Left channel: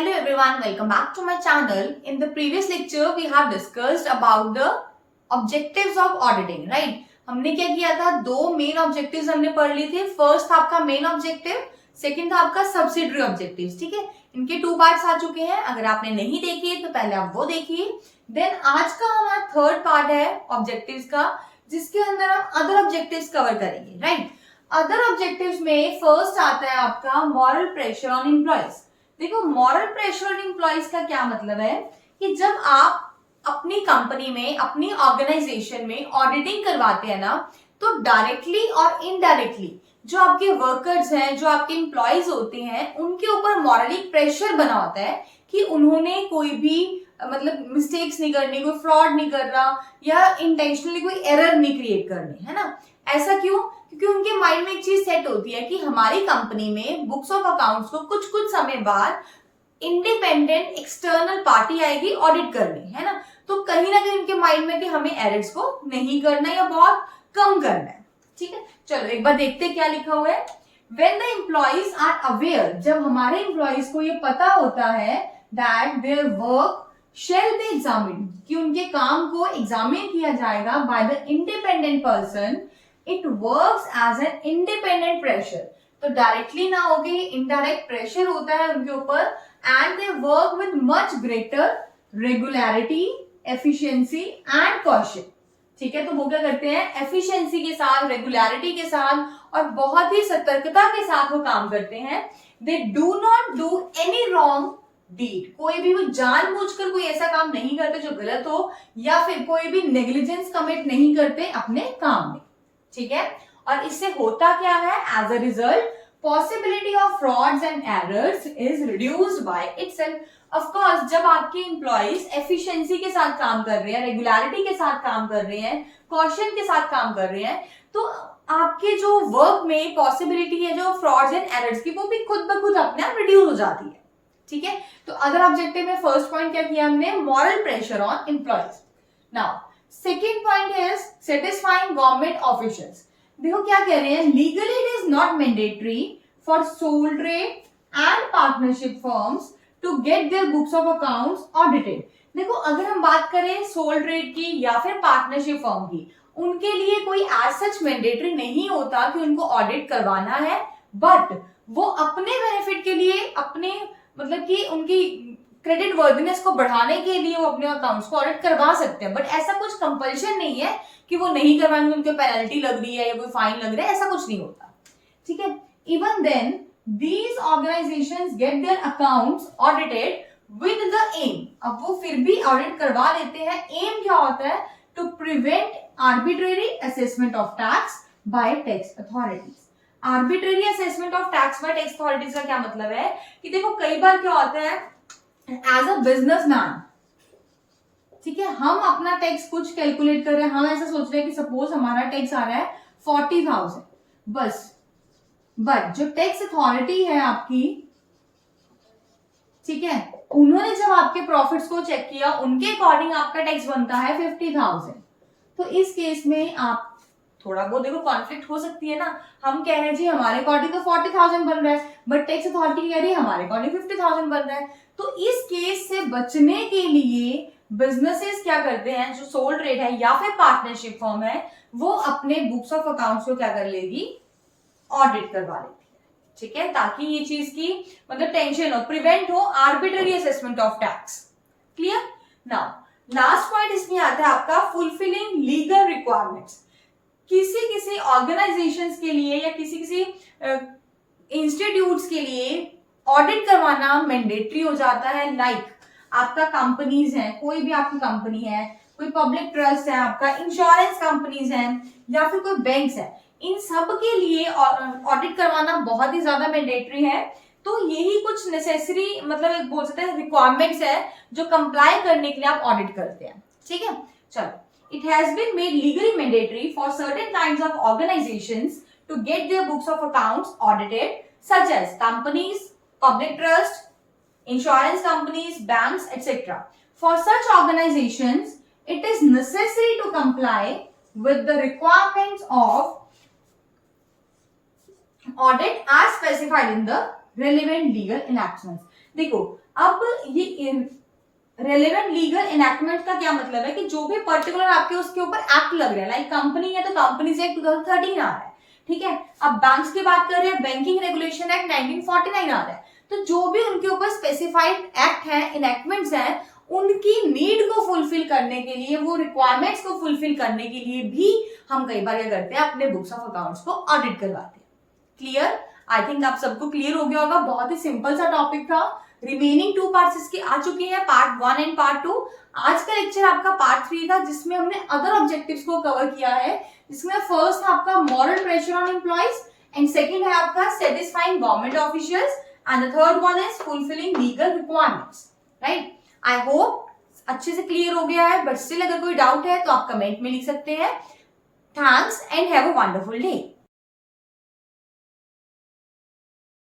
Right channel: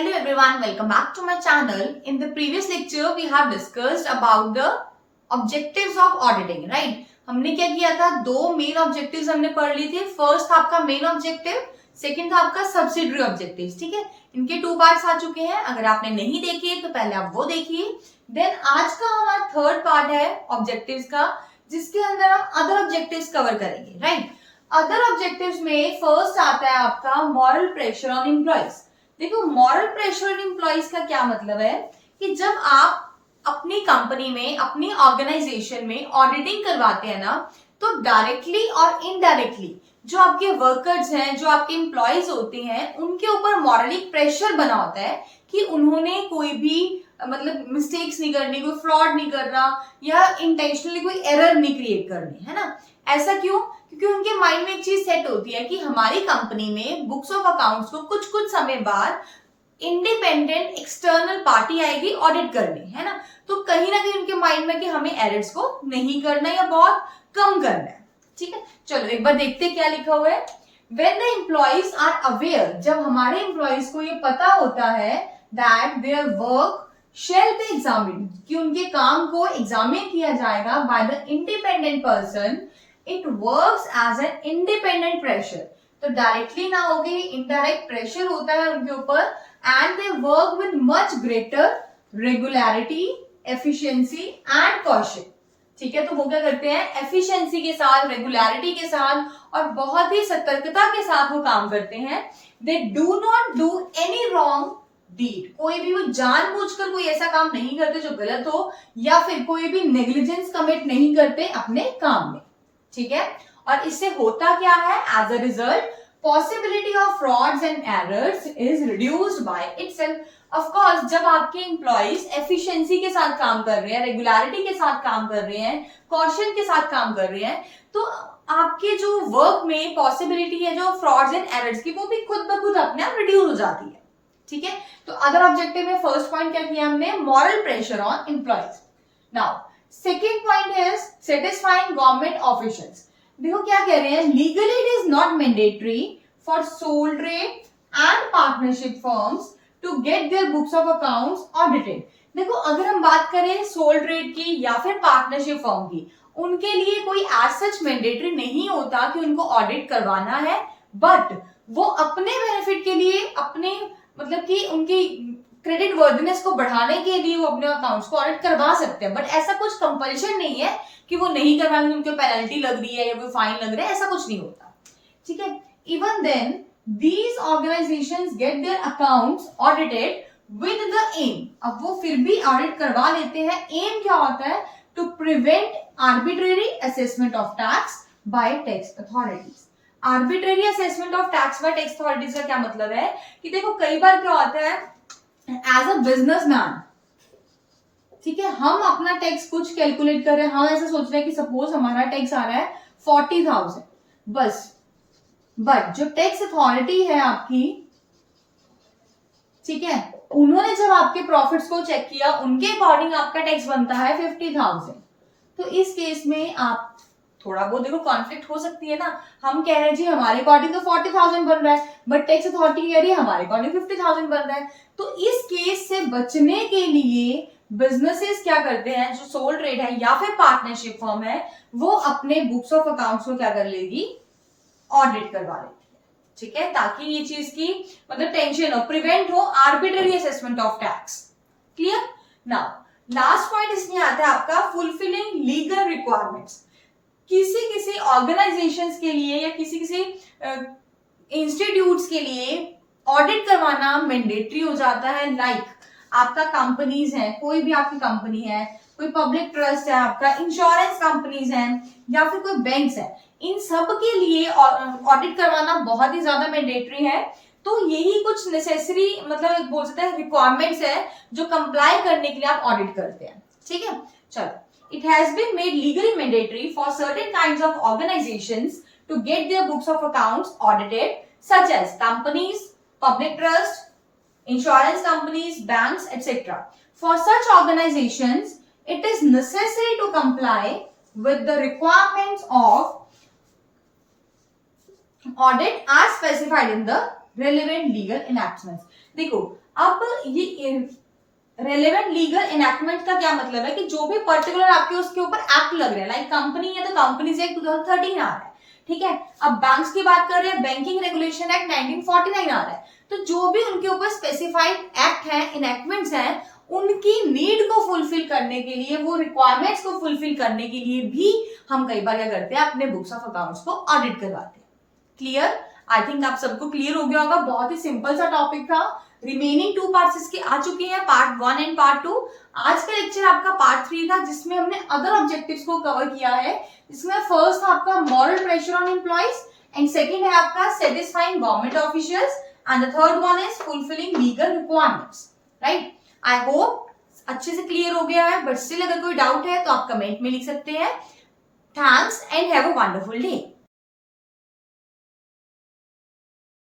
Hello everyone, welcome back to my channel. In the previous lecture, we have discussed about the objectives of auditing, right? हमने क्या किया था, दो main objectives हमने पढ़ ली थी. फर्स्ट था आपका मेन ऑब्जेक्टिव, सेकंड था आपका सब्सिडरी ऑब्जेक्टिव्स. ठीक है, इनके 2 पार्ट्स आ चुके हैं. अगर आपने नहीं देखे तो पहले आप वो देखिए. देन आज का हमारा थर्ड पार्ट है ऑब्जेक्टिव्स का, जिसके अंदर हम अदर ऑब्जेक्टिव्स कवर करेंगे, राइट? अदर ऑब्जेक्टिव्स में फर्स्ट आता है आपका मॉरल प्रेशर ऑन एम्प्लॉइज. देखो, मॉरल प्रेशर ऑन एम्प्लॉइज का क्या मतलब है कि जब आप अपनी कंपनी में, अपनी ऑर्गेनाइजेशन में ऑडिटिंग करवाते हैं ना, तो डायरेक्टली और इनडायरेक्टली जो आपके वर्कर्स हैं, जो आपके एम्प्लॉइज होते हैं, उनके ऊपर मॉरली प्रेशर बना होता है कि उन्होंने कोई भी मतलब मिस्टेक्स नहीं करनी, कोई फ्रॉड नहीं करना या इंटेंशनली कोई एरर नहीं क्रिएट करनी, है ना? ऐसा क्यों? क्योंकि उनके माइंड में एक चीज सेट होती है कि हमारी कंपनी में बुक्स ऑफ अकाउंट्स को कुछ कुछ समय बाद इंडिपेंडेंट एक्सटर्नल पार्टी आएगी ऑडिट करने, है ना? तो कहीं ना कहीं उनके माइंड में कि हमें एरर्स को नहीं करना या बहुत कम करना है. ठीक है, चलो एक बार देखते हैं क्या लिखा हुआ है. When the employees are aware, जब हमारे एम्प्लॉइज को ये पता होता है that their work shall be examined, कि उनके काम को एग्जामिन किया जाएगा by the independent person, it works as an independent pressure. तो डायरेक्टली ना होगी, इनडायरेक्ट प्रेशर होता है उनके ऊपर, and they work with much greater regularity, efficiency and caution. ठीक है, तो वो क्या करते हैं, एफिशिएंसी के साथ, रेगुलरिटी के साथ और बहुत ही सतर्कता के साथ वो काम करते हैं. They do not do any wrong deed, कोई भी वो जानबूझकर कोई ऐसा काम नहीं करते जो गलत हो, या फिर कोई भी नेग्लिजेंस कमिट नहीं करते अपने काम में. ठीक है, और इससे होता क्या है, as a result possibility of frauds and errors is reduced by itself. Of course, जब आपके एम्प्लॉइज एफिशिएंसी के साथ काम कर रहे हैं, रेगुलरिटी के साथ काम कर रहे हैं, कॉशन के साथ काम कर रहे हैं, तो आपके जो वर्क में पॉसिबिलिटी है जो फ्रॉड्स एंड एरर्स की, वो भी खुद ब खुद अपने आप रिड्यूस हो जाती है. ठीक है, तो अदर ऑब्जेक्टिव में फर्स्ट पॉइंट क्या किया हमने, moral pressure on employees. Now second point is satisfying government officials. देखो क्या कह रहे हैं, legally it is not mandatory for sole trade and partnership firms to get their books of accounts audited. देखो, अगर हम बात करें सोल ट्रेड की या फिर पार्टनरशिप फर्म की, उनके लिए कोई एज सच मैंडेटरी नहीं होता कि उनको ऑडिट करवाना है, बट वो अपने बेनिफिट के लिए, अपने मतलब कि उनकी क्रेडिट वर्दिनेस को बढ़ाने के लिए वो अपने अकाउंट्स को ऑडिट करवा सकते हैं. बट ऐसा कुछ कंपल्शन नहीं है कि वो नहीं करवाएंगे, उनको पेनल्टी लग रही है या कोई फाइन लग रहा है, ऐसा कुछ नहीं होता. ठीक है, even then these organizations get their accounts audited with the aim. अब वो फिर भी ऑडिट करवा लेते हैं. एम क्या होता है, to prevent arbitrary assessment of tax by tax authorities. arbitrary assessment of tax by tax authorities का क्या मतलब है कि देखो, कई बार क्या होता है, एज अ बिजनेसमैन, ठीक है, हम अपना टैक्स कुछ कैलकुलेट कर रहे हैं, हम ऐसा सोच रहे हैं कि सपोज हमारा टैक्स आ रहा है 40,000 बस, बट जो टैक्स अथॉरिटी है आपकी, ठीक है, उन्होंने जब आपके प्रॉफिट्स को चेक किया, उनके अकॉर्डिंग आपका टैक्स बनता है 50,000. तो इस केस में आप थोड़ा बहुत देखो कॉन्फ्लिक्ट हो सकती है ना. हम कह रहे हैं जी हमारे अकॉर्डिंग तो 40,000 बन रहा है, बट टैक्स अथॉरिटी कह रही है हमारे अकॉर्डिंग 50,000 बन रहा है. तो इस केस से बचने के लिए बिजनेसेस क्या करते हैं, जो सोल ट्रेड है या फिर पार्टनरशिप फर्म है, वो अपने बुक्स ऑफ अकाउंट्स को क्या कर लेगी, ऑडिट करवा लेती है. ठीक है, ताकि ये चीज की मतलब टेंशन हो, प्रिवेंट हो arbitrary assessment of tax. Clear? Now last point इसमें आता है आपका फुलफिलिंग लीगल रिक्वायरमेंट्स. किसी किसी ऑर्गेनाइजेशंस के लिए या किसी किसी इंस्टीट्यूट्स के लिए ऑडिट करवाना मैंडेटरी हो जाता है. लाइक आपका कंपनीज है, कोई भी आपकी कंपनी है, कोई पब्लिक ट्रस्ट है, आपका इंश्योरेंस कंपनीज है, या फिर कोई बैंक्स है, इन सब के लिए ऑडिट करवाना बहुत ही ज्यादा मैंडेटरी है. तो यही कुछ नेसेसरी मतलब एक बोल सकते हैं रिक्वायरमेंट्स है जो कंप्लाई करने के लिए आप ऑडिट करते हैं. ठीक है, चलो, it has been made legally mandatory for certain kinds of organizations to get their books of accounts audited, such as companies, public trust, insurance companies, banks, etc. For such organizations, it is necessary to comply with the requirements of audit as specified in the relevant legal enactments. देखो अब ये relevant legal enactment का क्या मतलब है कि जो भी पर्टिकुलर आपके उसके ऊपर एक्ट लग रहा है, लाइक कंपनी है तो कंपनीज एक्ट 2013 आ रहा है, ठीक है। अब बैंक्स की बात कर रहे हैं, बैंकिंग रेगुलेशन एक्ट 1949 आ रहा है। तो जो भी उनके ऊपर स्पेसिफाइड एक्ट है, इनैक्टमेंट्स हैं, उनकी नीड को फुलफिल करने के लिए, वो रिक्वायरमेंट्स को फुलफिल करने के लिए भी हम कई बार क्या करते हैं, अपने बुक्स ऑफ अकाउंट्स को ऑडिट करवाते हैं। क्लियर? आई थिंक आप सबको क्लियर हो गया होगा। बहुत ही सिंपल सा टॉपिक था। रिमेनिंग 2 पार्ट्स इसके आ चुके हैं, पार्ट 1 एंड पार्ट 2। आज का लेक्चर आपका पार्ट 3 था, जिसमें हमने अदर ऑब्जेक्टिव्स को कवर किया है। इसमें फर्स्ट आपका moral pressure on employees, and second है आपका satisfying government officials, and the third one is fulfilling legal requirements. Right? I hope अच्छे से क्लियर हो गया है, बट स्टिल अगर कोई डाउट है तो आप कमेंट में लिख सकते हैं। Thanks and have a wonderful day.